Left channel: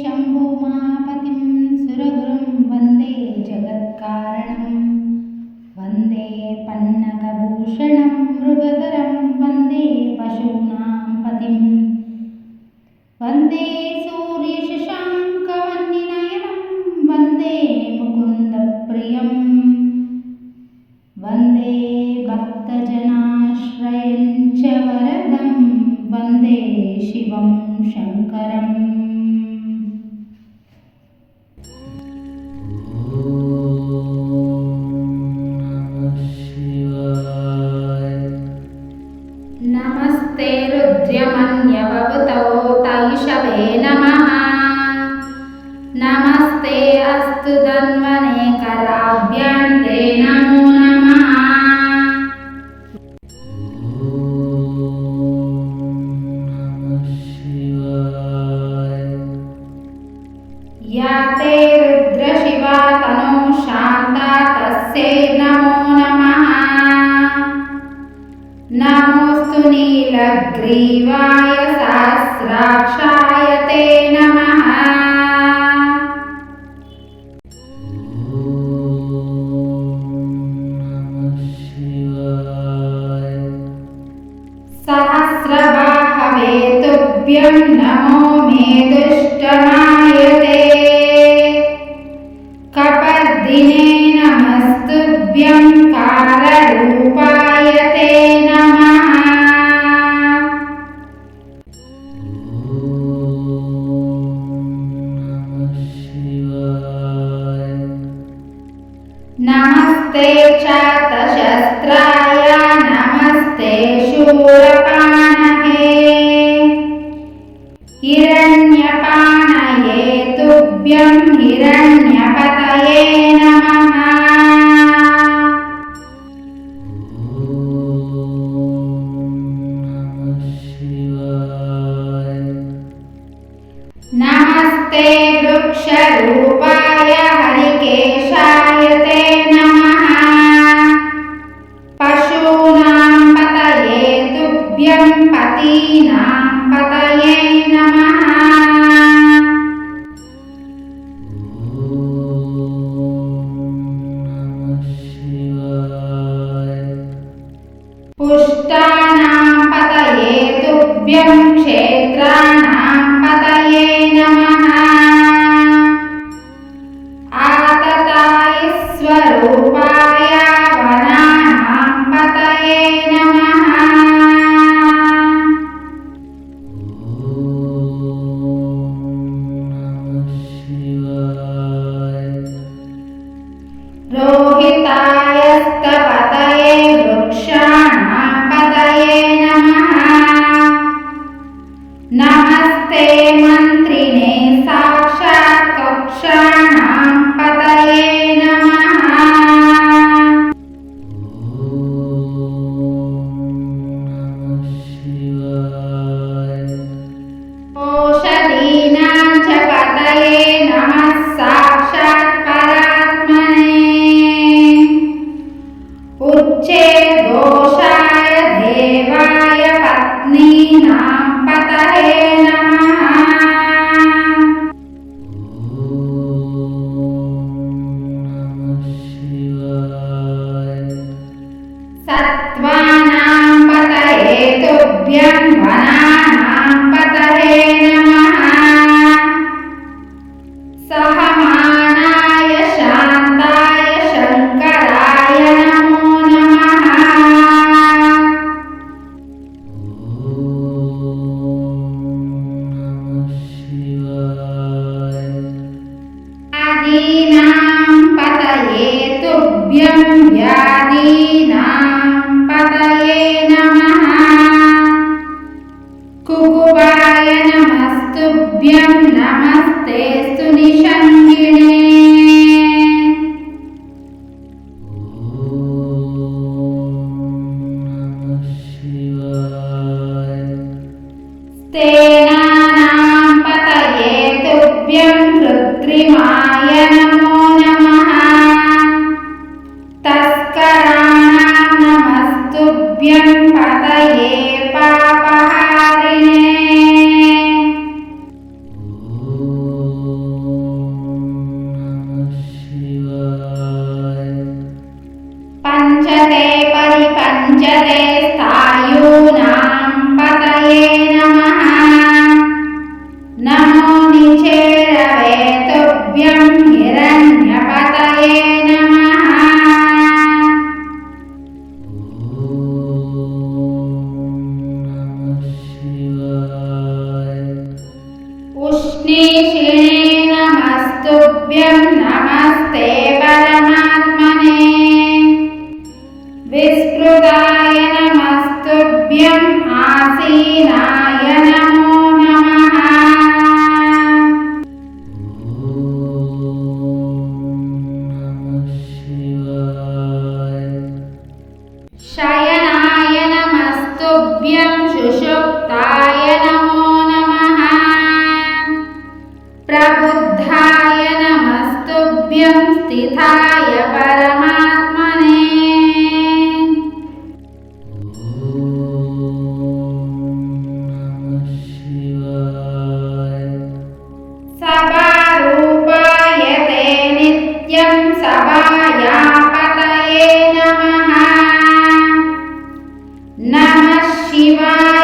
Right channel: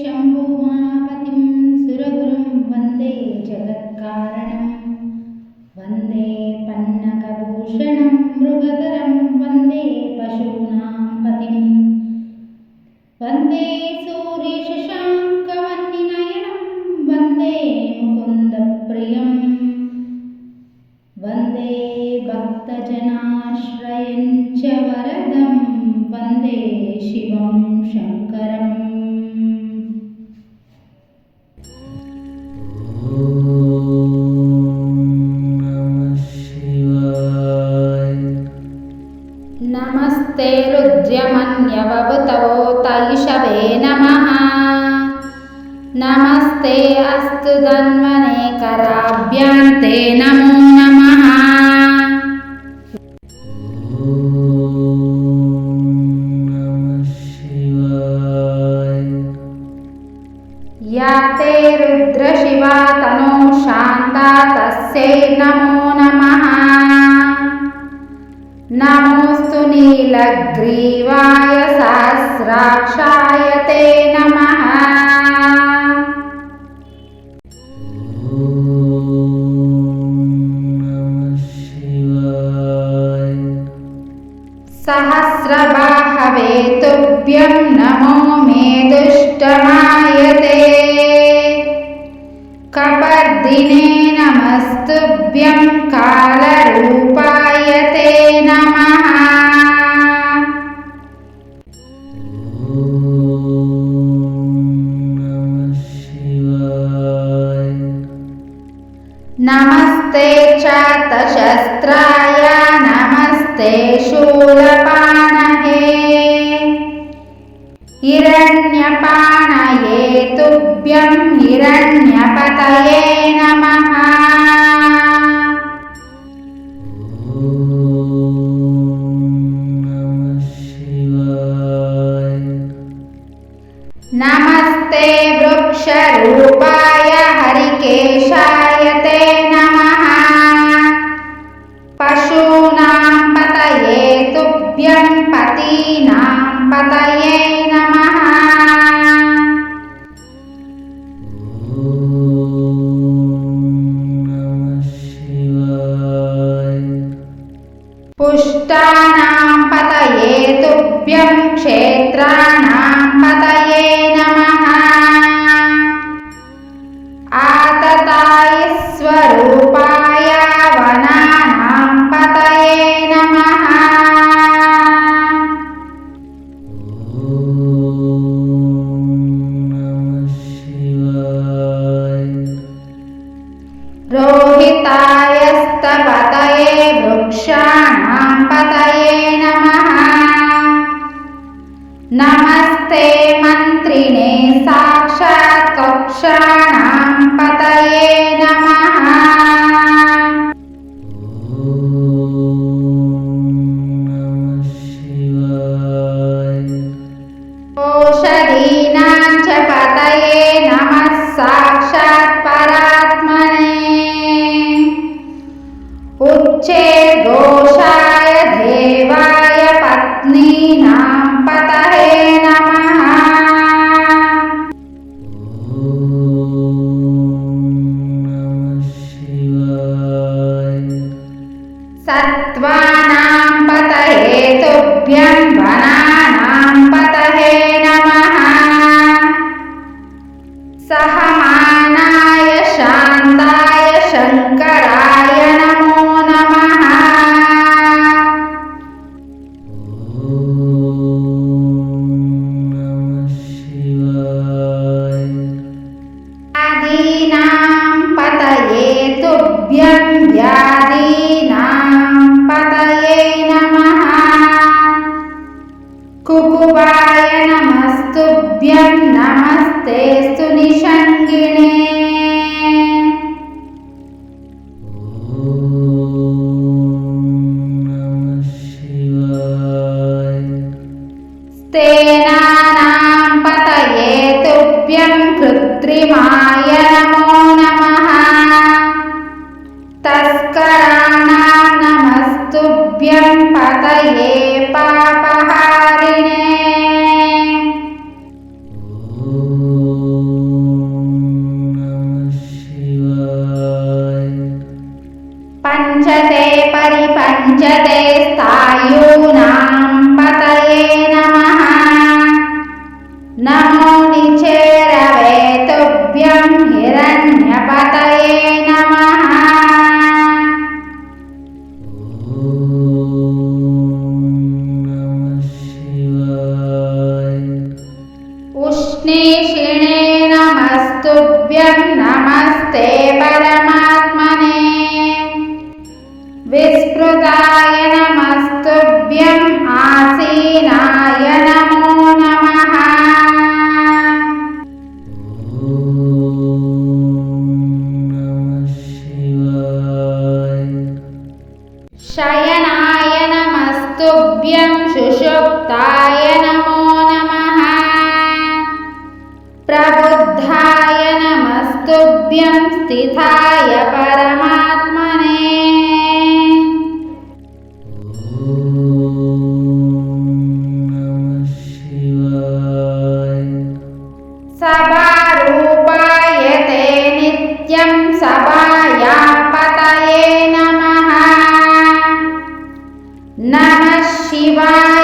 शम्भुमापतिं सुरगुरुं वन्दे जगत्कारणं। वन्दे पन्नगभूषणं मृगधरं वन्दे पशूनां पतिं। वन्दे सूर्यशशाङ्कवन्निनयनं वन्दे मुकुन्दप्रियम् वन्दे भक्तजनाश्रयं च वरदं वन्दे शिवं शङ्करम् अस्तु धन्वने कराभ्यां ते नमो नमः। या ते रुद्रशिवा तनो शान्ता तस्यै नमो नमः। नमोऽस्तु नीलग्रीवाय सहस्राक्षाय ते नमः पुष्टानां पतये तुभ्यं क्षेत्राणां नमस्ते मन्त्रिणे साक्षात् कक्षाणां पतये नमः ओषधीनां च पतये नमः साक्षात् परात्मने उच्चैर्घोषाय ఉపమానాయ శాంతాయ శంకరాయ నమో నమ వ్యాధీనాం పతయే తుభ్యం వ్యాధీనాం పతయే నమ కుకువాయ నమస్తుభ్యం నమస్ नमस्तेऽस्तु निषङ्गिणे स्तेनानां पतये तुभ्यं कृत्रिमाय नमो नमः तस्कराणां नमस्तुभ्यं पतये पापहारिणे పంచతే పరిపంచతే స్థాయూనాం పతయే నమః. నమో నిచేరవే తుభ్యం హిరణ్యపతయే నమః. ఉష్ణీషిణే నమస్తుభ్యం నమస్తే नमः शिवाय